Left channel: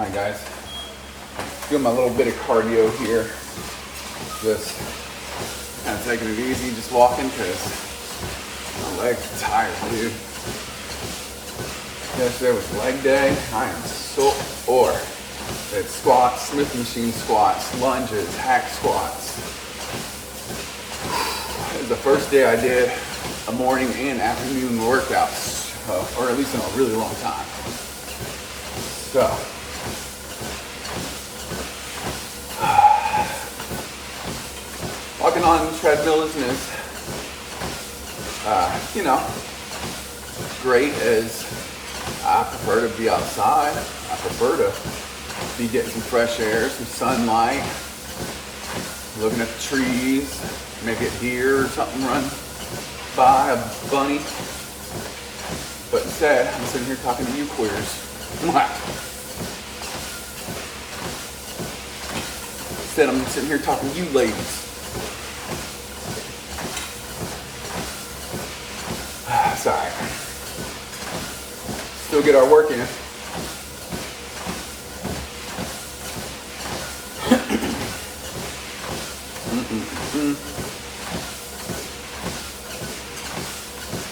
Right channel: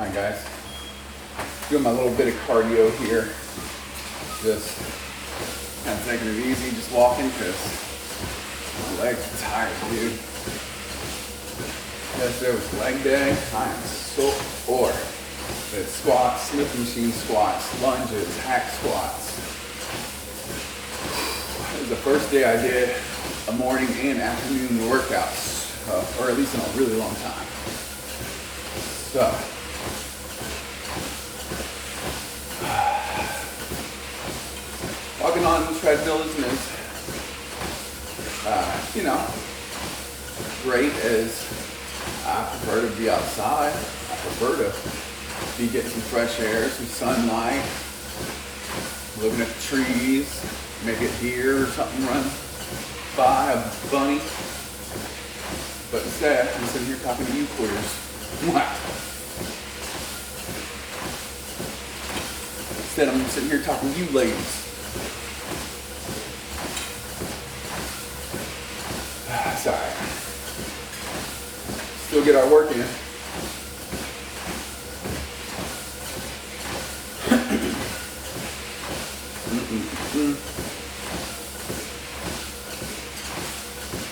Alright guys, doing my little bit of cardio here. Just kind of taking it easy, just walking because my legs are tired, dude. Yesterday was leg day. I am so sore. It's squats, Smith machine squats, lunges, hack squats. It was the first day I did a morning and afternoon workouts, or at least in a really long time. So, walking on the treadmill isn't as, great as I prefer to be outside. I prefer to be getting some fresh air, some sunlight, looking at the trees, maybe a deer or something run by, a bunny. But instead, I'm sitting here talking to you queers. Instead, I'm sitting here talking to you ladies. Sorry. Still get our work in.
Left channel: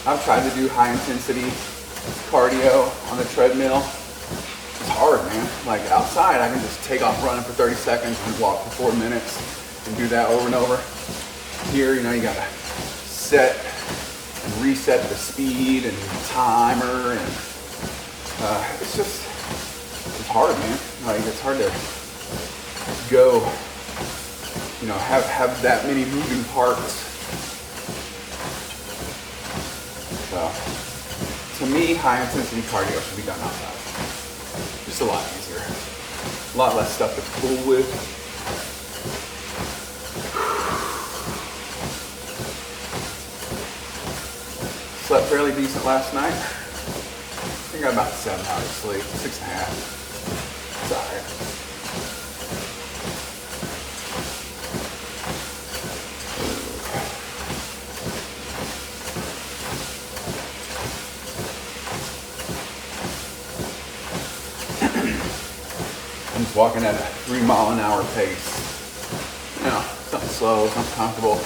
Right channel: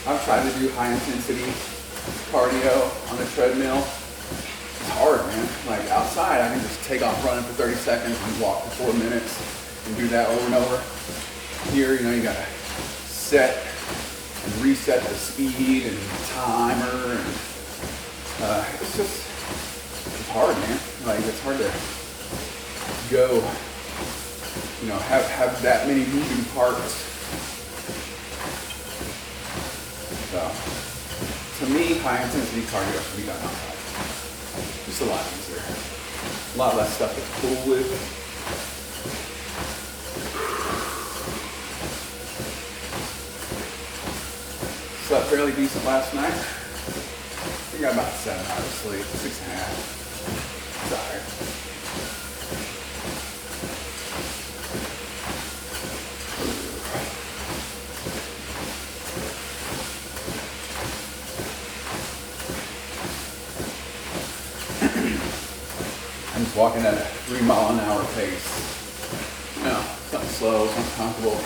I've tried to do high intensity cardio on the treadmill. It's hard, man. Like outside, I can just take off running for 30 seconds and walk for 4 minutes and do that over and over. Here, you gotta set and reset the speed and timer, and it's hard, man. Like it's hard to go, have that many moving parts. So, to me, high intensity cardio should be done outside. Just a lot easier, a lot less stuff to fool with. Slept fairly decent last night. I think I got about 7 hours of sleep, 6.5. Sorry. I'm just walking at a 3-mile-an-hour pace. Something slow, something comfortable.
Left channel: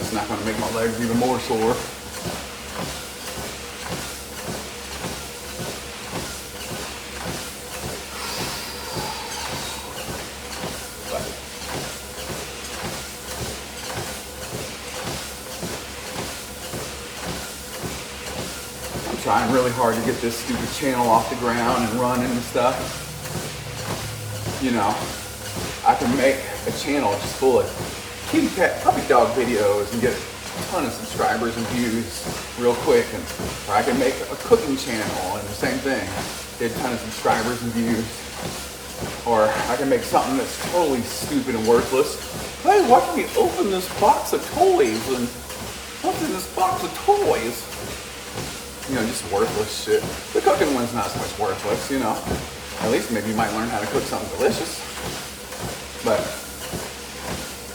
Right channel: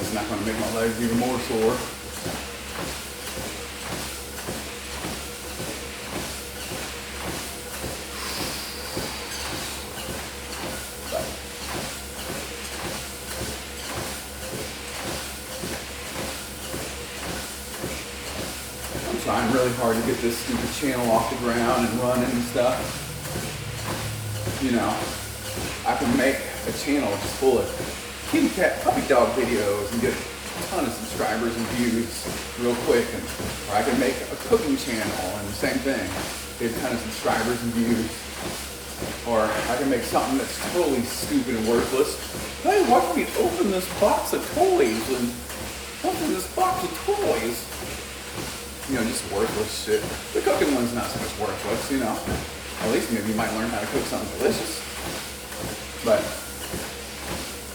It's not going to make my legs even more sore. I'm trying really hard to get this stupid channel off the ground and running and stuff. I can make a channel just full of kitty cat puppy dog videos and get a ton of subscribers and views real quick, or I can make a cooking channel and the same thing, get a ton of subscribers and views. Or I can make something that's totally stupid and worthless. Hey, why don't we open this box of toys and open this box of toys? Just worthless shit. The cooking one's not so much worthless, At least maybe you might learn how to cook something delicious. But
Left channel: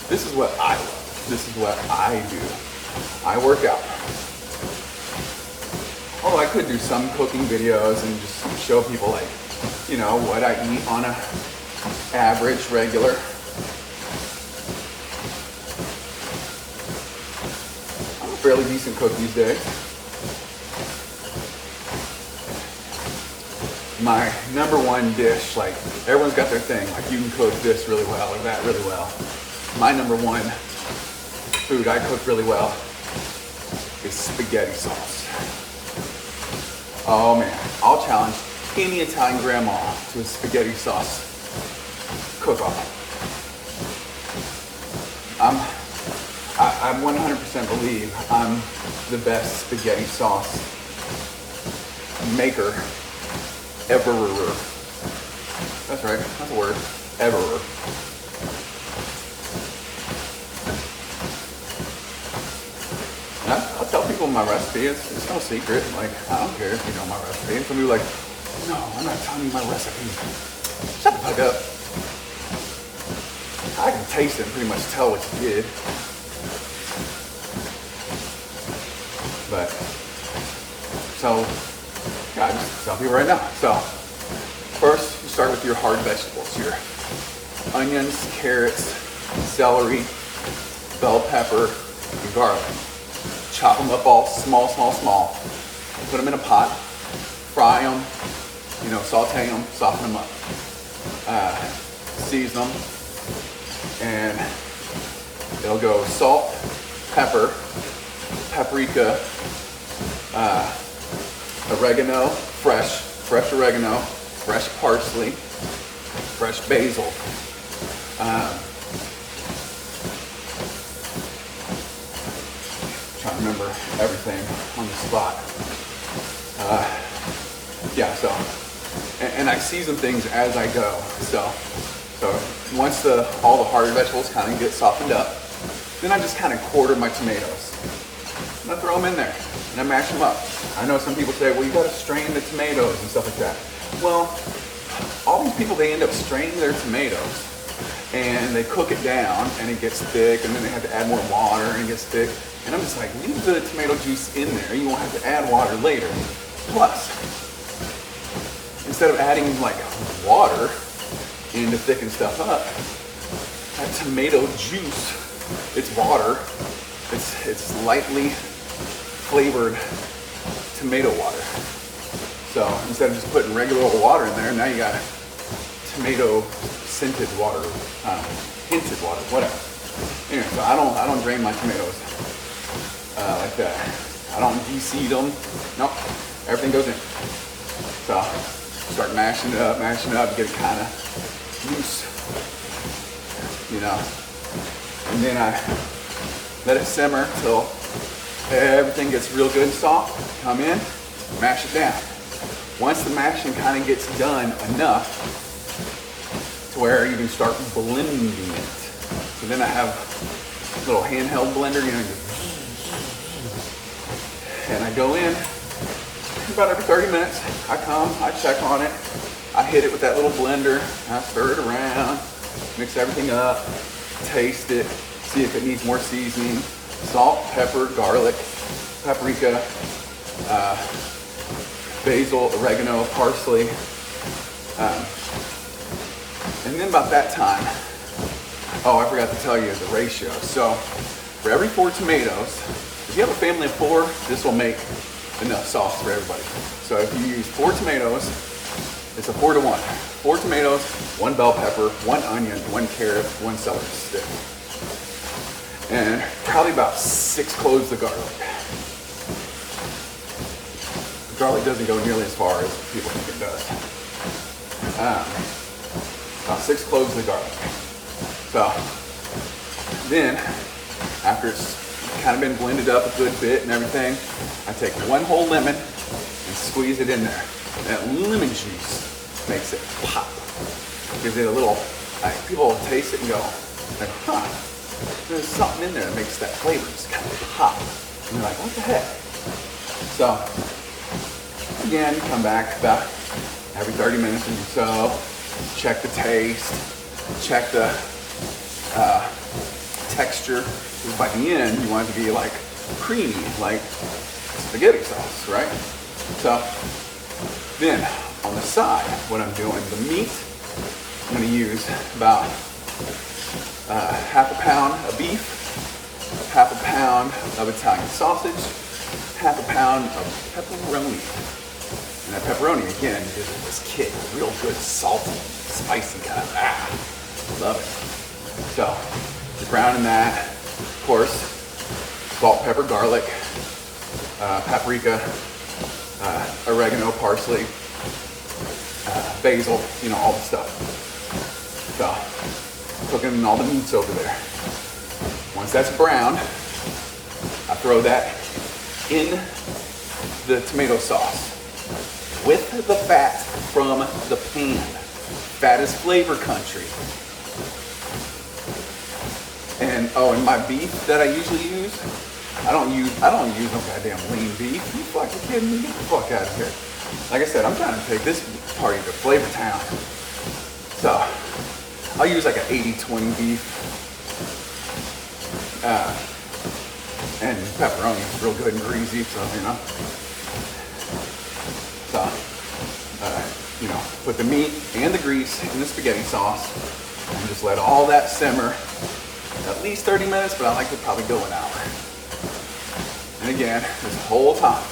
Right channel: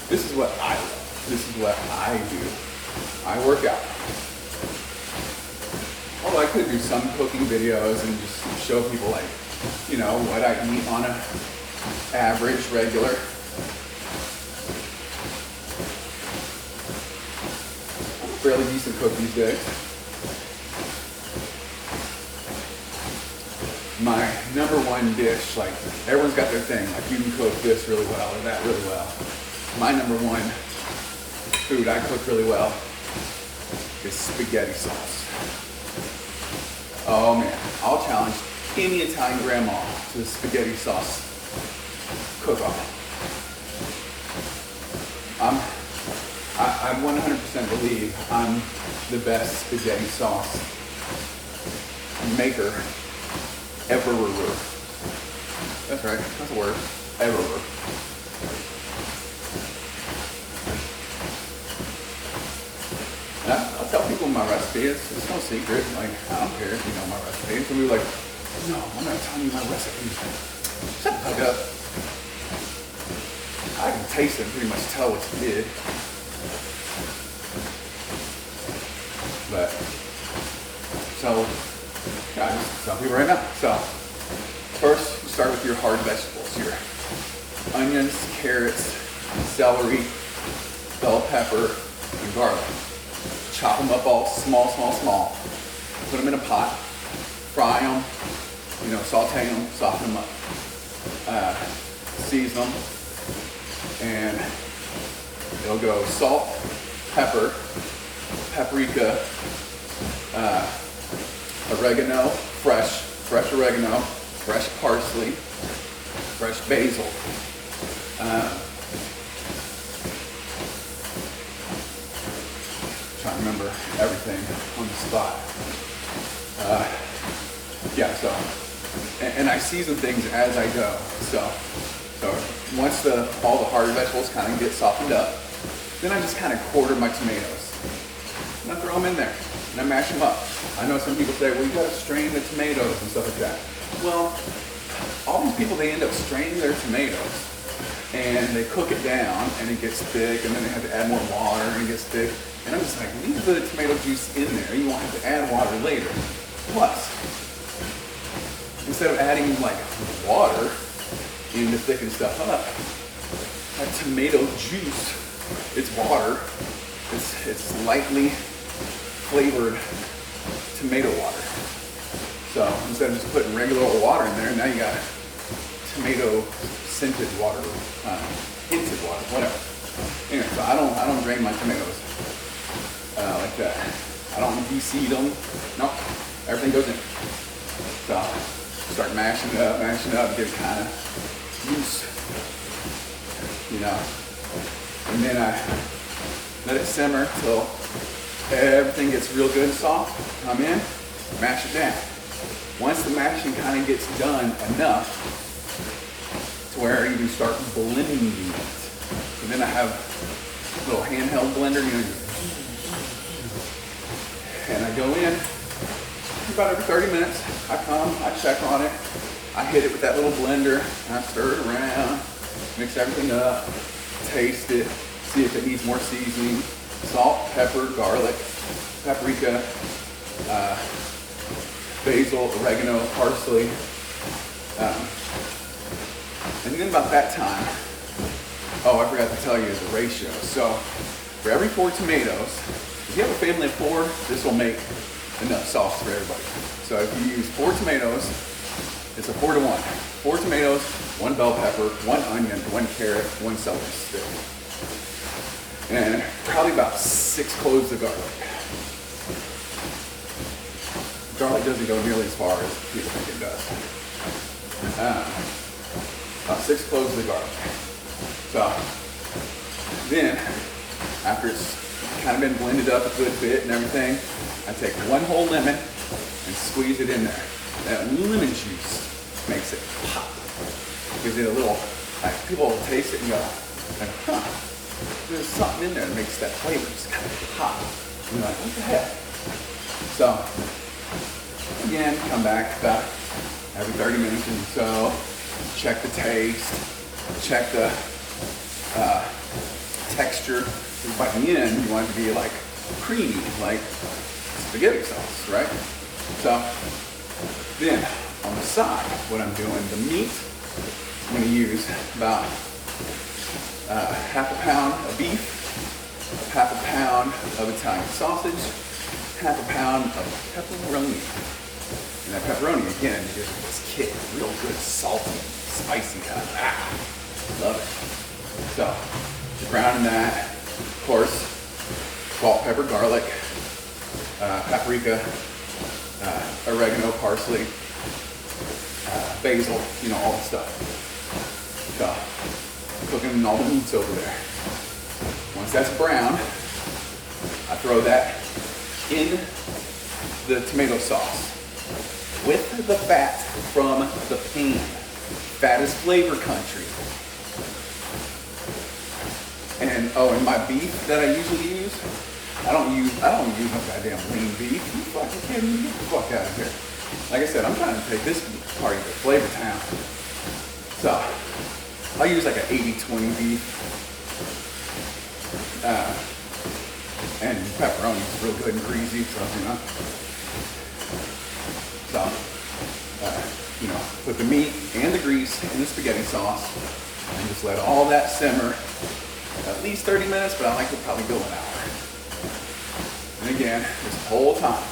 this is what I love. This is what I do. I work out. Although I could do some cooking videos and just show people what I eat on an average, regular. I'm a fairly decent cook these days. My number one dish, everyone's got their thing, you can cook this really well or that really well. My number one food I cook really well is spaghetti sauce. Oh man, I'll challenge any Italian grandma to a spaghetti sauce cook-off. I 100% believe I'm the best spaghetti sauce maker ever. That's right, that's a word, ever. I'll tell people my recipe. It's no secret. I don't care if you know my recipe. And some people are like, no, I'm not telling you my recipe. Shut the fuck up. I can taste it and pretty much tell what you did. But, so, some people right now. So first, you start with your hard vegetables, your onions, carrots, celery, bell pepper, and garlic. Chop them up all small, small, small. Put them in a pot, fry them, saute them, soften them up. Season them, and it'll go salt, pepper, paprika, oregano, fresh oregano, fresh parsley, fresh basil. Trying to remember everything on the spot. And I season things as I go. So once all the hard vegetables kind of get softened up, then I just kind of quarter my tomatoes. And I throw them in there and I mash them up. I know some people say, well, you got to strain the tomatoes and stuff like that. Well, all these people, they end up straining their tomatoes and they cook it down and it gets thick, and then they have to add more water and it gets thick. And I'm just like, leave the tomato juice in there. You won't have to add water later. Plus, instead of adding like water in to thicken stuff up, that tomato juice, it's water, it's lightly flavored tomato water. So instead of just putting regular old water in there, now you got tomato scented water, hinted water, whatever. Anyway, so I don't drain my tomatoes like that. I don't de-seed them. Nope, everything goes in. So start mashing it up, get it kind of loose, and then I let it simmer till everything gets real good and soft. Come in, mash it down. Once the mashing kind of gets done enough to where you can start blending it. So then I have a little handheld blender, and I go in about every 30 minutes. I come, I check on it, I hit it with that little blender, I stir it around, mix everything up, taste it, see if it needs more seasoning, salt, pepper, garlic, paprika, basil, oregano, parsley. And then about that time, I forgot to tell you the ratio. So for every 4 tomatoes, if you have a family of 4, this will make enough sauce for everybody. So if you use 4 tomatoes, it's a 4 to 1. 4 tomatoes, 1 bell pepper, 1 onion, 1 carrot, 1 celery stick. And probably about 6 cloves of garlic. Garlic doesn't go nearly as far as people think it does. About 6 cloves of garlic. So then, after it's kind of been blended up a good bit and everything, I take 1 whole lemon and squeeze it in there. That lemon juice makes it pop. Gives it a little, people will taste it and go, there's something in there that makes that flavor just kind of pop. And you're like, what the heck? So, again, come back about every 30 minutes or so, check the taste, check the texture. Because by the end, you want it to be like creamy, like spaghetti sauce, right? So then on the side, what I'm doing, the meat, I'm going to use about half a pound of beef, half a pound of Italian sausage, half a pound of pepperoni. And that pepperoni, again, gives it this kick, real good salty, spicy kind of, love it. So, you're browning that, of course, salt, pepper, garlic, paprika, oregano, parsley, basil, all the stuff. So, cooking all the meats over there. Once that's browned, I throw that in the tomato sauce with the fat from the pan. Fat is flavor country. And and my beef that I usually use, I don't use no goddamn lean beef. You fucking kidding me? Get the fuck out of here. Like I said, I'm trying to take this party to Flavor Town. So I'll use like an 80-20 beef. And pepperoni is real good and greasy, so So, you know, put the meat and the grease in the spaghetti sauce and just let all that simmer at least 30 minutes, but I like to probably go an hour. And again, this whole time,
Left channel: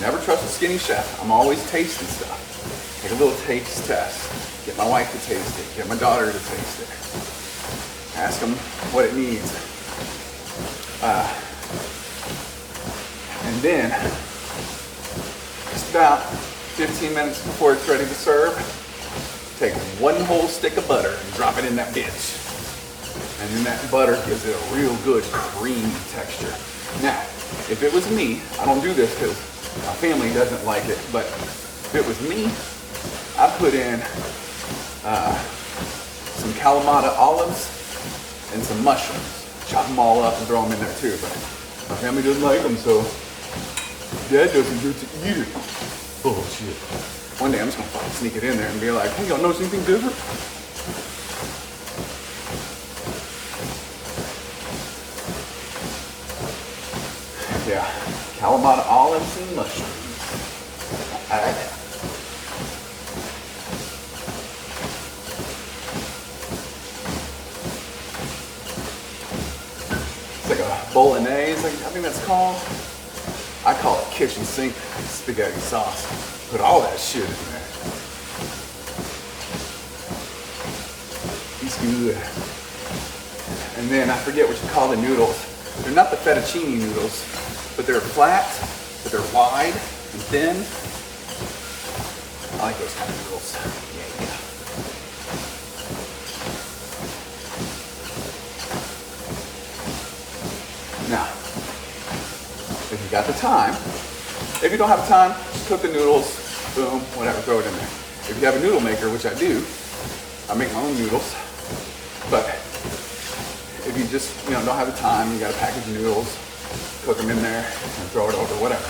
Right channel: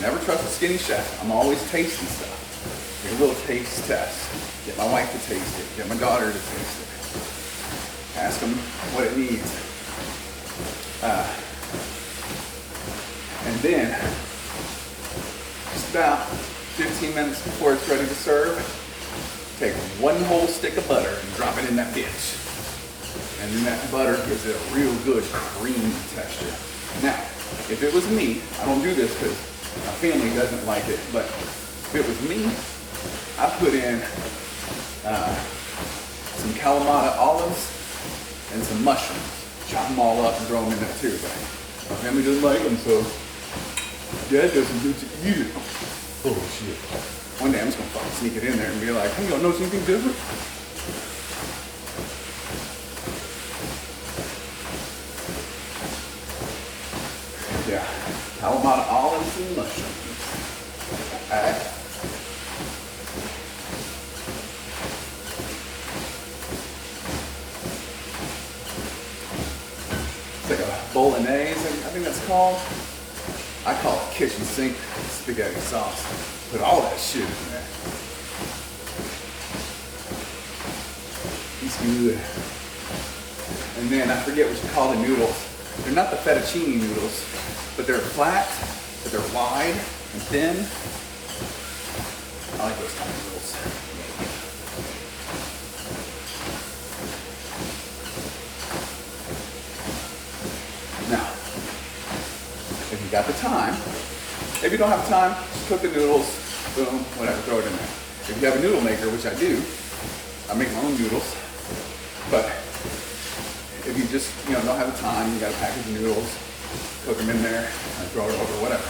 never trust a skinny chef. I'm always tasting stuff. Take a little taste test. Get my wife to taste it. Get my daughter to taste it. Ask them what it needs. And then, just about 15 minutes before it's ready to serve, take one whole stick of butter and drop it in that bitch. And then that butter gives it a real good creamy texture. Now, if it was me, I don't do this because my family doesn't like it, but if it was me, I put in some Kalamata olives and some mushrooms. Chop them all up and throw them in there too, but my family doesn't like them, so Dad doesn't get to eat it. Oh shit. One day I'm just gonna fucking sneak it in there and be like, hey, y'all notice anything different? Yeah, Kalamata olives and mushrooms. Alright. It's like a bolognese, I think that's called. I call it kitchen sink spaghetti sauce. Put all that shit in there. It's good. And then I forget what you call the noodles. They're not the fettuccine noodles, but they're flat, but they're wide and thin. I like those kind of noodles. Now, if you got the time, if you don't have time, just cook the noodles, boom, whatever, throw it in there. If you have a noodle maker, which I do, I make my own noodles, but if you just, don't have the time, you got a package of noodles, cook them in there and throw it over, whatever.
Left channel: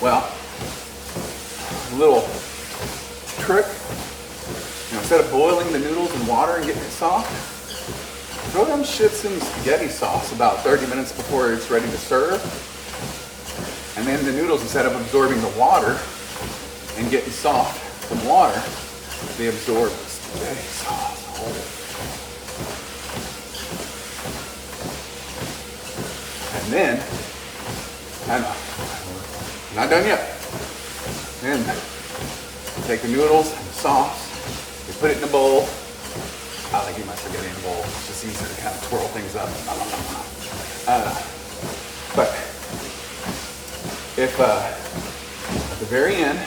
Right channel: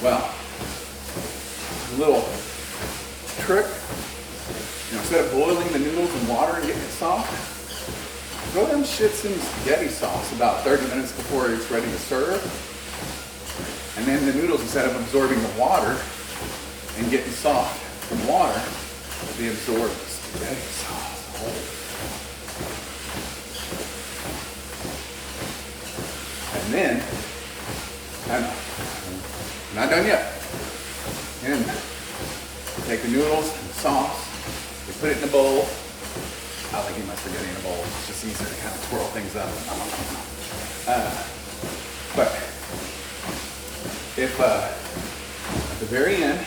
Well, a little trick, instead of boiling the noodles in water and getting it soft, throw them shits in the spaghetti sauce about 30 minutes before it's ready to serve. And then the noodles, instead of absorbing the water and getting soft from water, they absorb the spaghetti sauce. And then, I'm not done yet. Then take the noodles and the sauce, you put it in a bowl. I like eating my spaghetti in a bowl. It's just easier to kind of twirl things up. But if at the very end,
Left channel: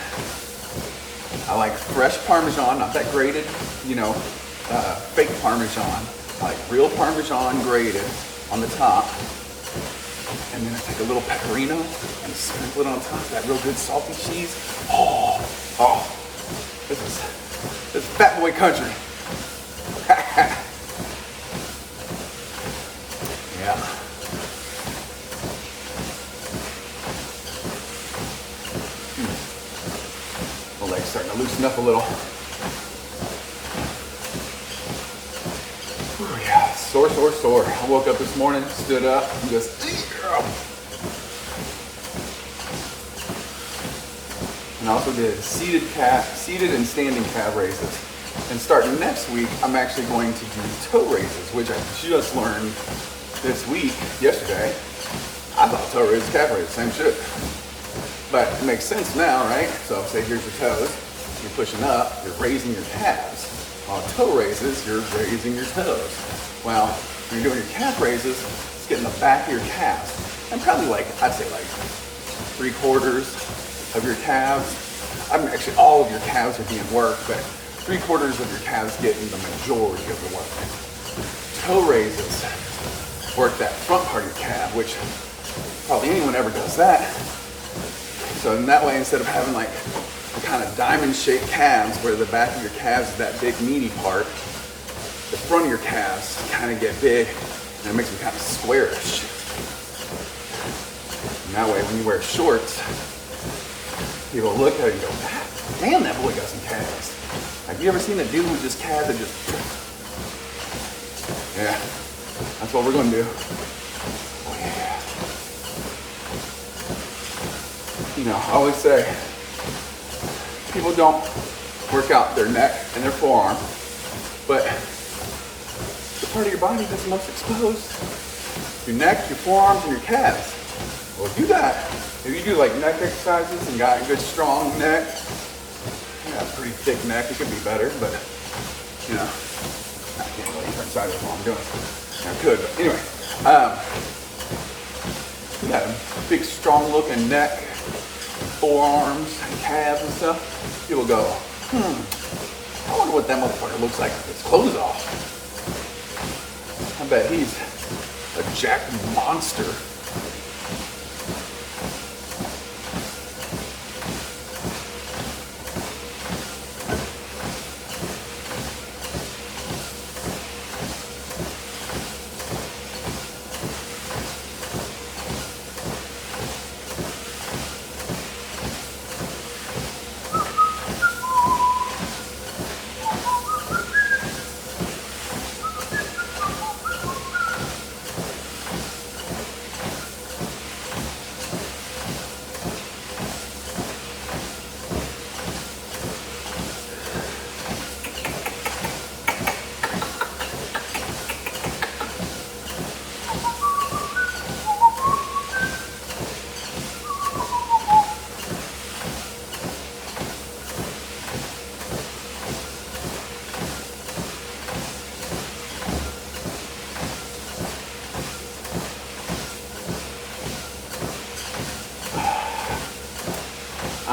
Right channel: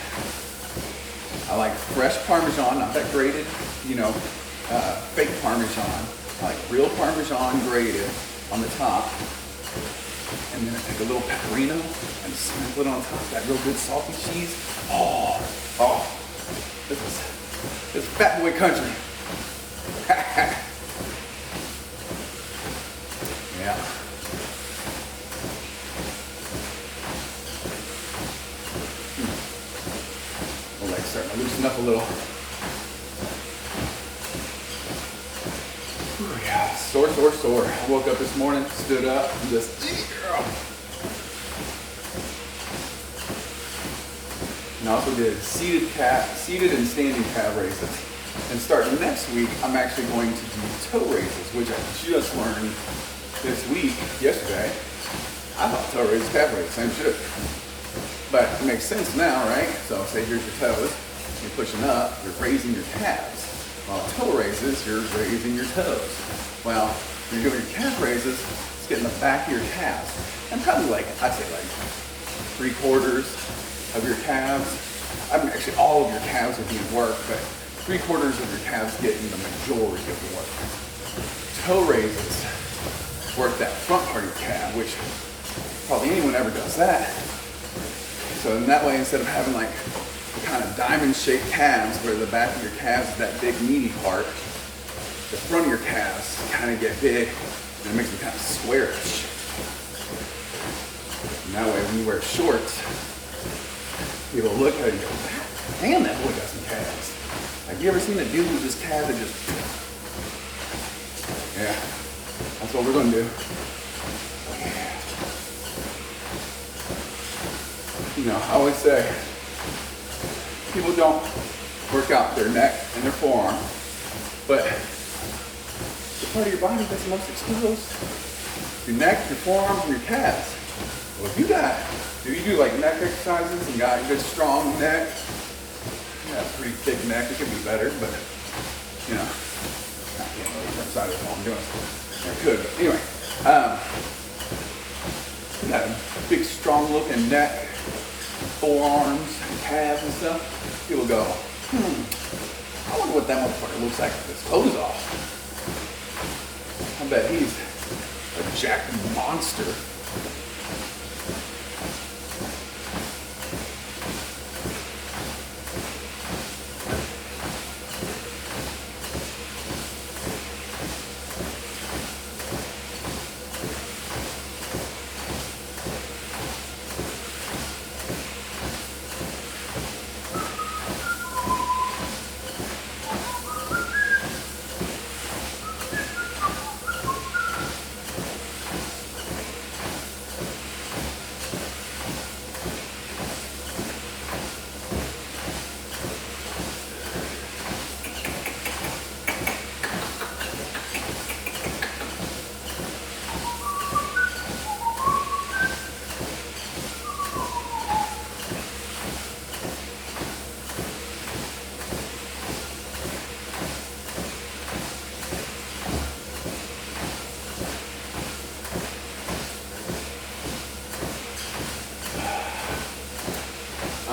I like fresh Parmesan, not that grated, fake Parmesan. I like real Parmesan grated on the top. And then I take a little pecorino and sprinkle it on top, that real good salty cheese. Oh, this is fat boy country. Yeah. My leg's starting to loosen up a little. Ooh, yeah, sore. I woke up this morning, stood up, and just, and I also did seated and standing calf raises. And starting next week, I'm actually going to do toe raises, which I just learned this week, yesterday. I thought toe raises, calf raises, same shit. But it makes sense now, right? So say here's your toes, you're pushing up, you're raising your calves. While toe raises, you're raising your toes. Well, when you're doing your calf raises, it's getting the back of your calves. And probably I'd say 3/4 of your calves. Actually all of your calves are being worked, but 3/4 of your calves getting the majority of the work. Toe raises work that front part of your calf, which probably anyone ever does that. So in that way, instead of having a kind of diamond-shaped calves where the back of your calves is that big meaty part, the front of your calves kind of get big and it makes them kind of squarish. And that way, when you wear shorts, people look at it and go, damn, that boy got some calves. Have you ever seen a dude with this calf that just... Yeah, that's what we're going to do. Oh, yeah. I always say, people don't work out their neck and their forearm, but the part of your body that's most exposed, your neck, your forearms, and your calves. Well, if you do like neck exercises and got a good strong neck, pretty thick neck, it could be better, but you know, I can't really inside of what I'm doing. I could, but anyway, that big strong looking neck, forearms, and calves and stuff, people go, I wonder what that motherfucker looks like with his clothes off. I bet he's a jacked monster.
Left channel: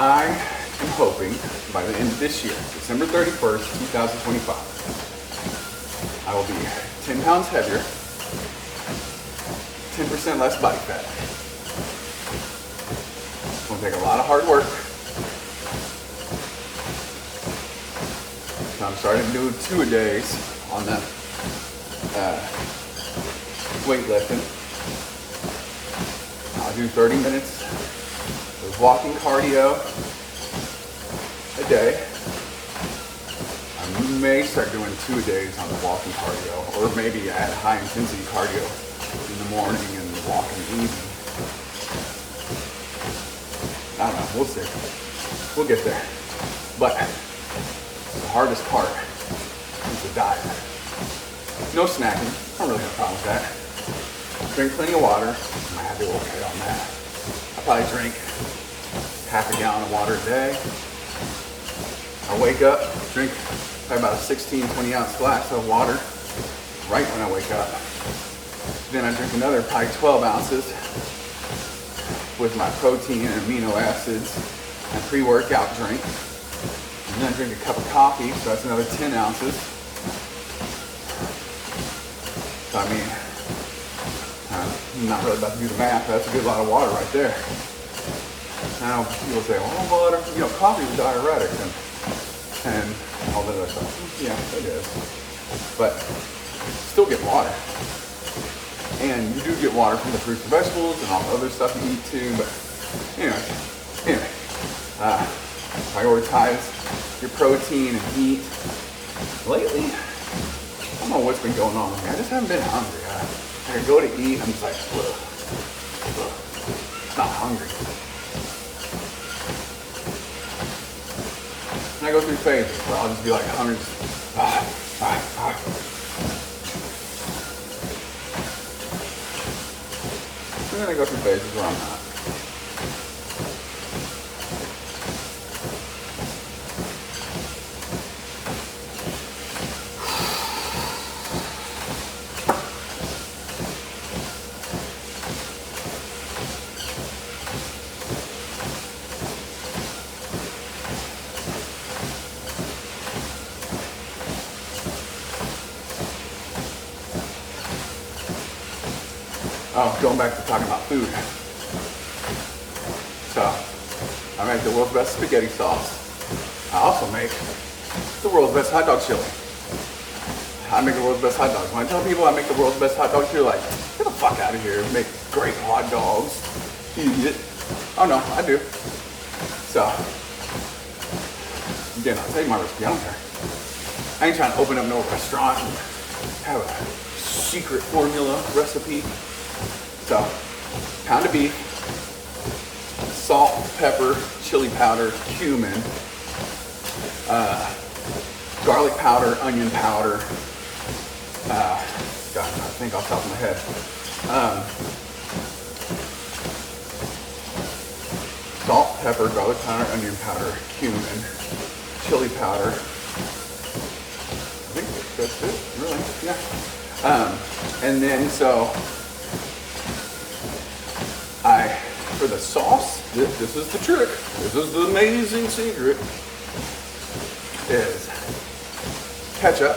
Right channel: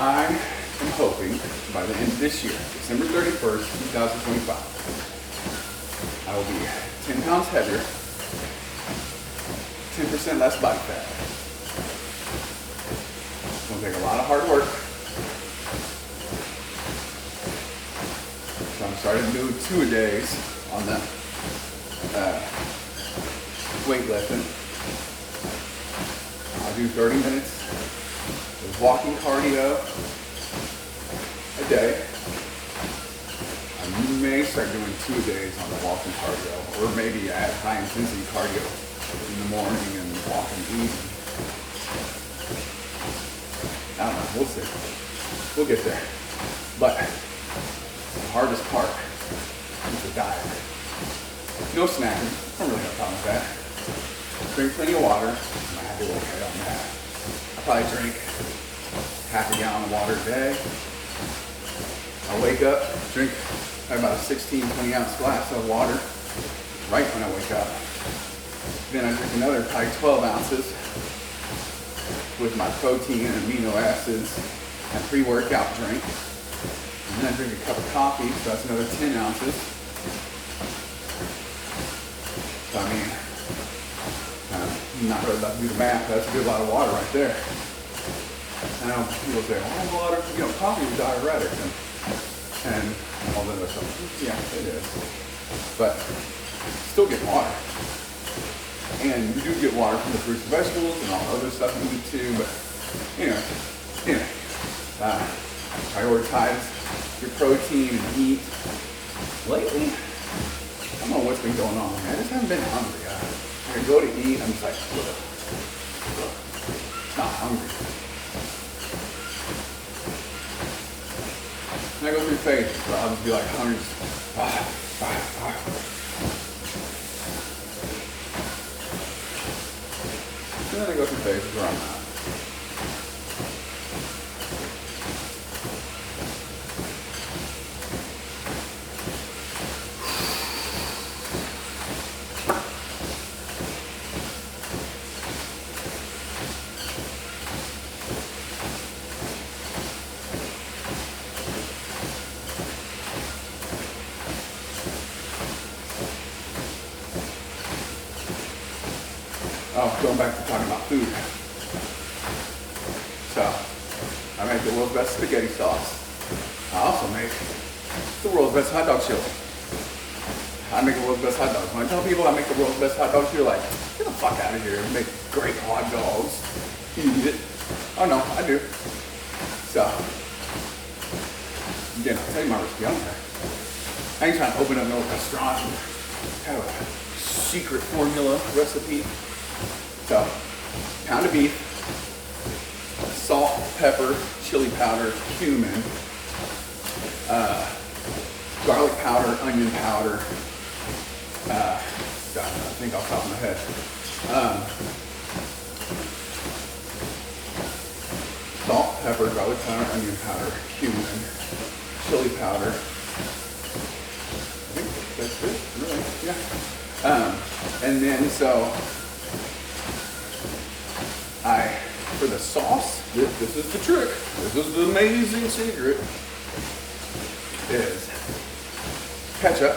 I am hoping by the end of this year, December 31st, 2025, I will be 10 pounds heavier, 10% less body fat. It's going to take a lot of hard work. So I'm starting to do 2-a-days on the weightlifting. I'll do 30 minutes. There's walking cardio a day. I may start doing 2-a-days on the walking cardio, or maybe add high intensity cardio in the morning and walking in the evening. I don't know, we'll see. We'll get there. But the hardest part is the diet. No snacking. I don't really have a problem with that. Drink plenty of water. I might do okay on that. I probably drink half a gallon of water a day. I wake up, drink probably about a 16, 20 ounce glass of water right when I wake up. Then I drink another probably 12 ounces with my protein and amino acids and pre-workout drink. And then I drink a cup of coffee, so that's another 10 ounces. So I mean, I'm not really about to do the math, but that's a good lot of water right there. Now people say, well, water, coffee is diuretic and all the other stuff. Yeah, it is. But still get water. And you do get water from the fruits and vegetables and all the other stuff you eat too, but anyway, prioritize your protein and eat. Lately, I don't know what's been going on. I just haven't been hungry. I go to eat, I'm just like, ugh. Not hungry. And I go through phases where I'll just be like hungry. And then I go through phases where I'm not. Oh, going back to talking about food. So, I make the world's best spaghetti sauce. I also make the world's best hot dog chili. I make the world's best hot dogs. When I tell people I make the world's best hot dogs, you're like, get the fuck out of here. I make great hot dogs. You eat it. Oh no, I do. So, again, I'll tell you my recipe. I don't care. I ain't trying to open up no restaurant and have a secret formula recipe. So, pound of beef, salt, pepper, chili powder, cumin, garlic powder, onion powder. God, I think off the top of my head. Salt, pepper, garlic powder, onion powder, cumin, chili powder. I think that's it, really, yeah. And then so for the sauce, this is the trick. This is the amazing secret. Is ketchup,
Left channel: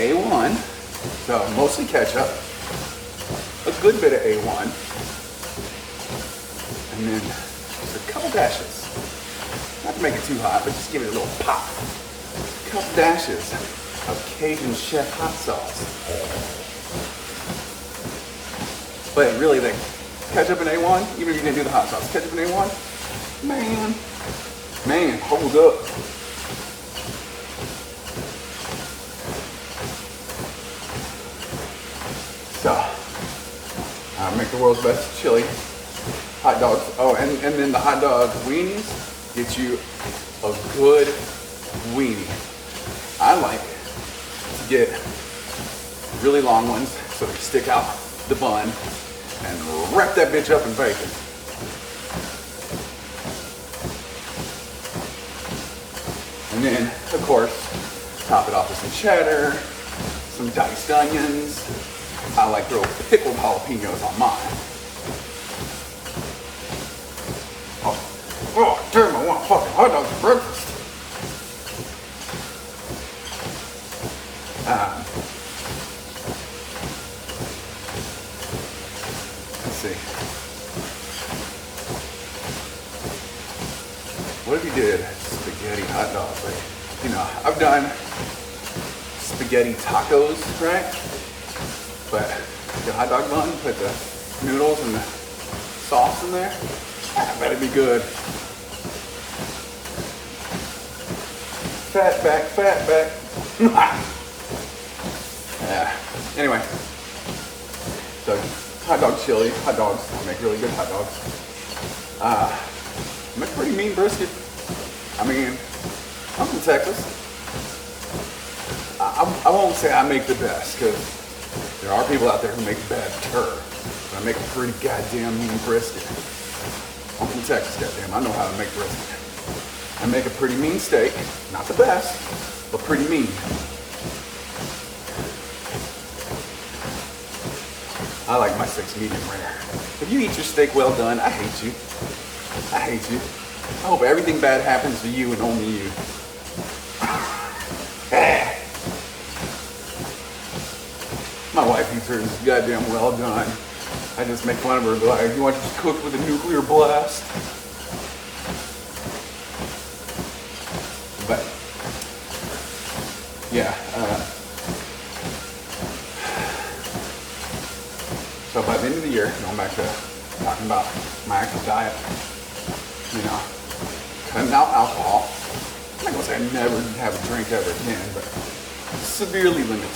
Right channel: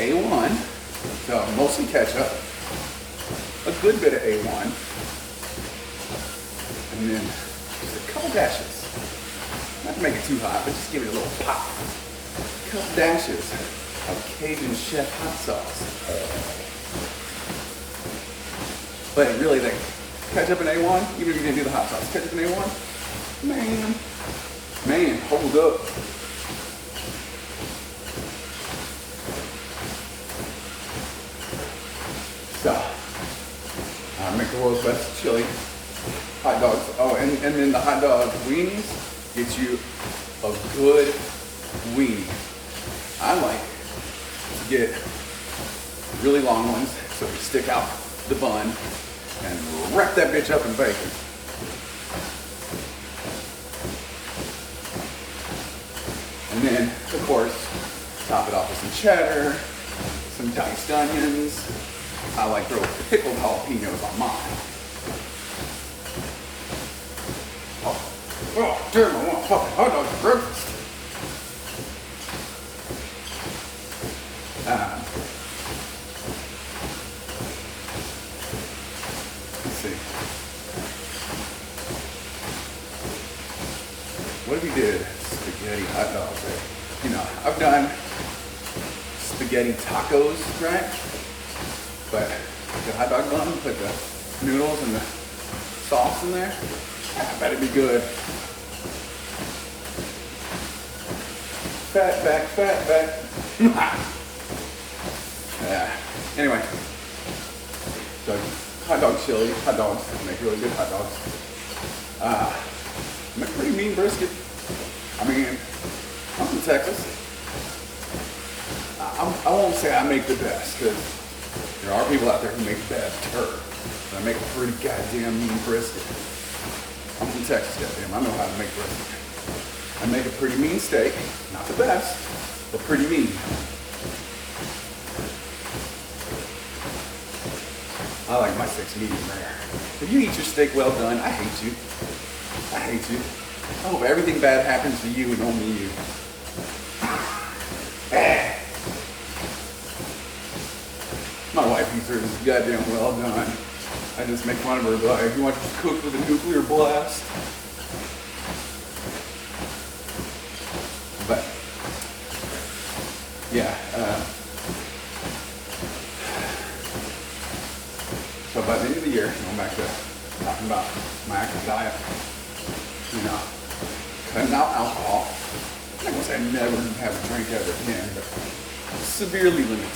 A1, so mostly ketchup, a good bit of A1, and then just a couple dashes. Not to make it too hot, but just give it a little pop. A couple dashes of Cajun Chef hot sauce. But really, the ketchup and A1, even if you didn't do the hot sauce, ketchup and A1, man, hold up. So, I make the world's best chili hot dogs. Oh, and then the hot dog weenies get you a good weenie. I like to get really long ones so they stick out the bun and wrap that bitch up in bacon. And then, of course, top it off with some cheddar, some diced onions. I like to throw pickled jalapenos on mine. Oh, damn, I want fucking hot dogs for breakfast. Let's see. What if you did spaghetti hot dogs? Like, you know, I've done spaghetti tacos, right? But the hot dog bun, put the noodles and the sauce in there. I bet it'd be good. Fat back. Yeah. Anyway, so hot dog chili, hot dogs, make really good hot dogs. Make pretty mean brisket. I mean, I'm from Texas. I won't say I make the best, because there are people out there who make bad turd. But I make a pretty goddamn mean brisket. I'm from Texas, goddamn. I know how to make brisket. I make a pretty mean steak. Not the best, but pretty mean. I like my steaks medium rare. If you eat your steak well done, I hate you. I hate you. I hope everything bad happens to you and only you. My wife eats hers goddamn well done. I just make fun of her, like, you want this cooked with a nuclear blast? But, yeah. So by the end of the year, going back to talking about my actual diet, you know, cutting out alcohol. I'm not gonna say I never have a drink ever again, but severely limiting it.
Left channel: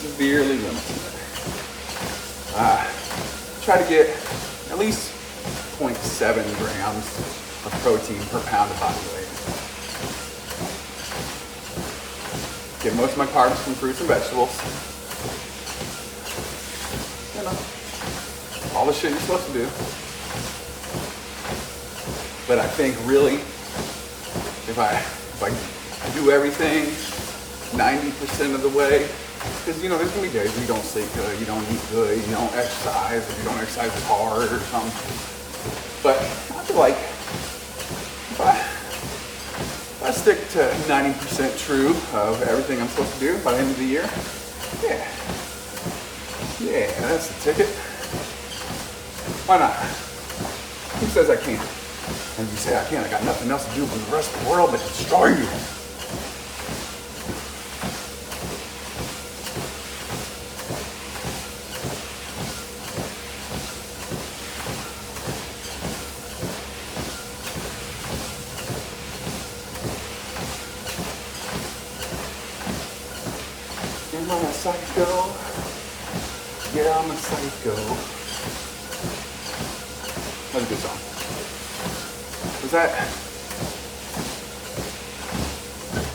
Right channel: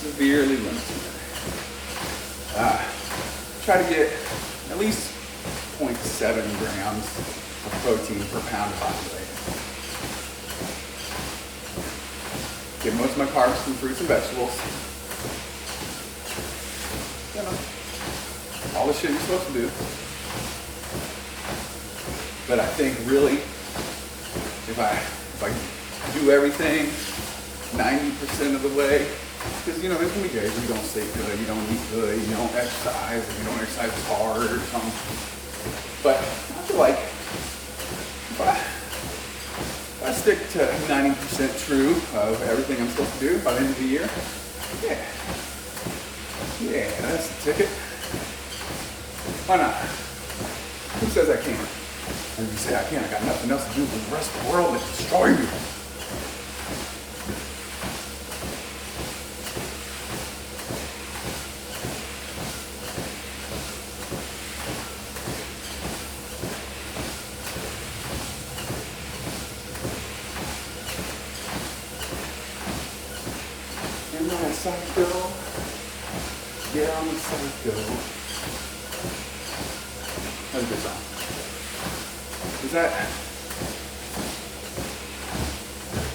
Severely limited. Try to get at least 0.7 grams of protein per pound of body weight. Get most of my carbs from fruits and vegetables. You know, all the shit you're supposed to do. But I think really, if I do everything 90% of the way, because, you know, there's going to be days where you don't sleep good, you don't eat good, you don't exercise, or you don't exercise hard or something. But I feel like if I stick to 90% true of everything I'm supposed to do by the end of the year, yeah, that's the ticket. Why not? Who says I can't? And you say I can't, I got nothing else to do with the rest of the world but destroy you. a psycho. Yeah, I'm a psycho. That's a good song. Was that?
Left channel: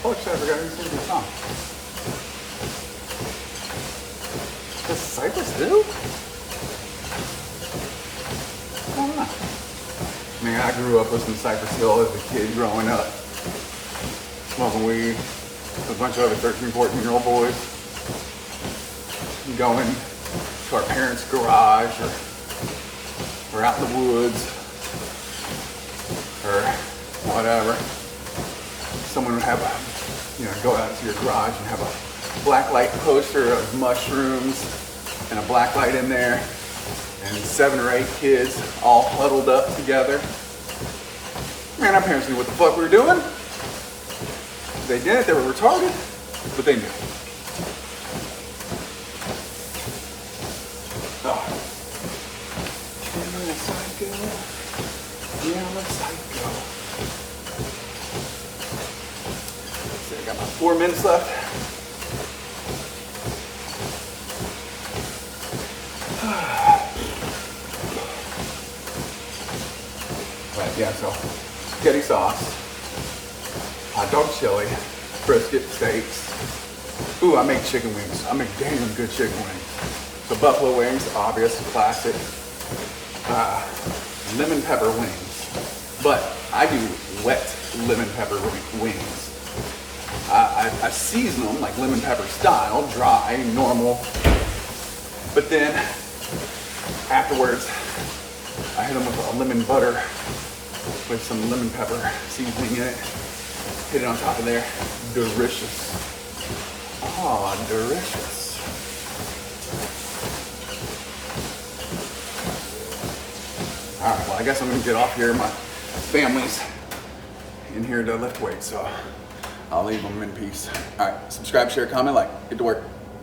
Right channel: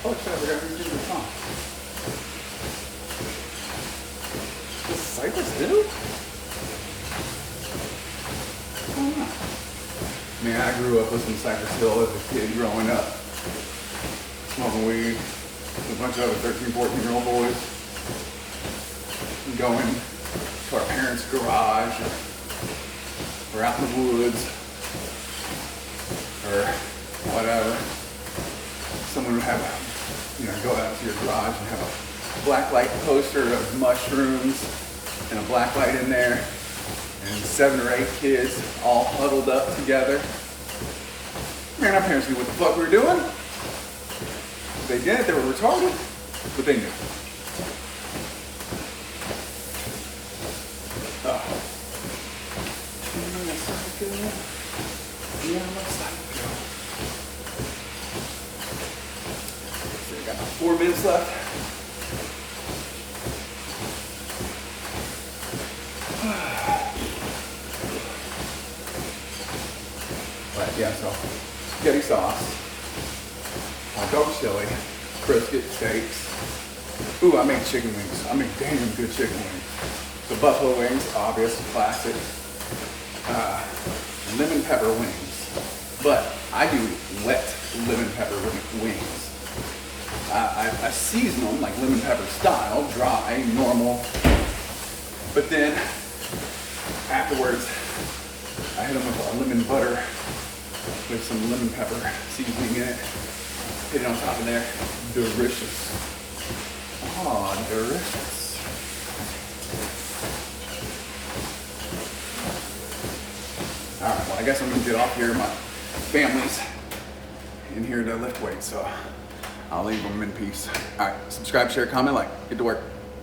Oh shit, I forgot who sings the song. The Cypress Hill? I don't know. Man, I grew up listening to Cypress Hill as a kid growing up. Smoking weed. With a bunch of other 13, 14-year-old boys. Going to our parents' garage or out in the woods or whatever. Someone would have go out to your garage and have a black light poster of mushrooms and a black light in there and 7 or 8 kids all huddled up together. Man, our parents knew what the fuck we were doing. They did it, they were retarded, but they knew. Oh. Yeah, psycho. Yeah, I'm a psycho. Let's see, I got about 4 minutes left. But yeah, so spaghetti sauce, hot dog chili, brisket steaks. Ooh, I make chicken wings. I make damn good chicken wings. The buffalo wings, obvious, classic. Lemon pepper wings. But I do wet lemon pepper wings. I season them like lemon pepper style, dry, normal. But then afterwards, I hit them with a lemon butter with some lemon pepper seasoning in it. Hit it on top of there. Delicious. Oh, delicious. Alright, well I guess I'm gonna get off here. My family's in here to lift weights, so I'll leave them in peace. Alright, subscribe, share, comment, like. Get to work.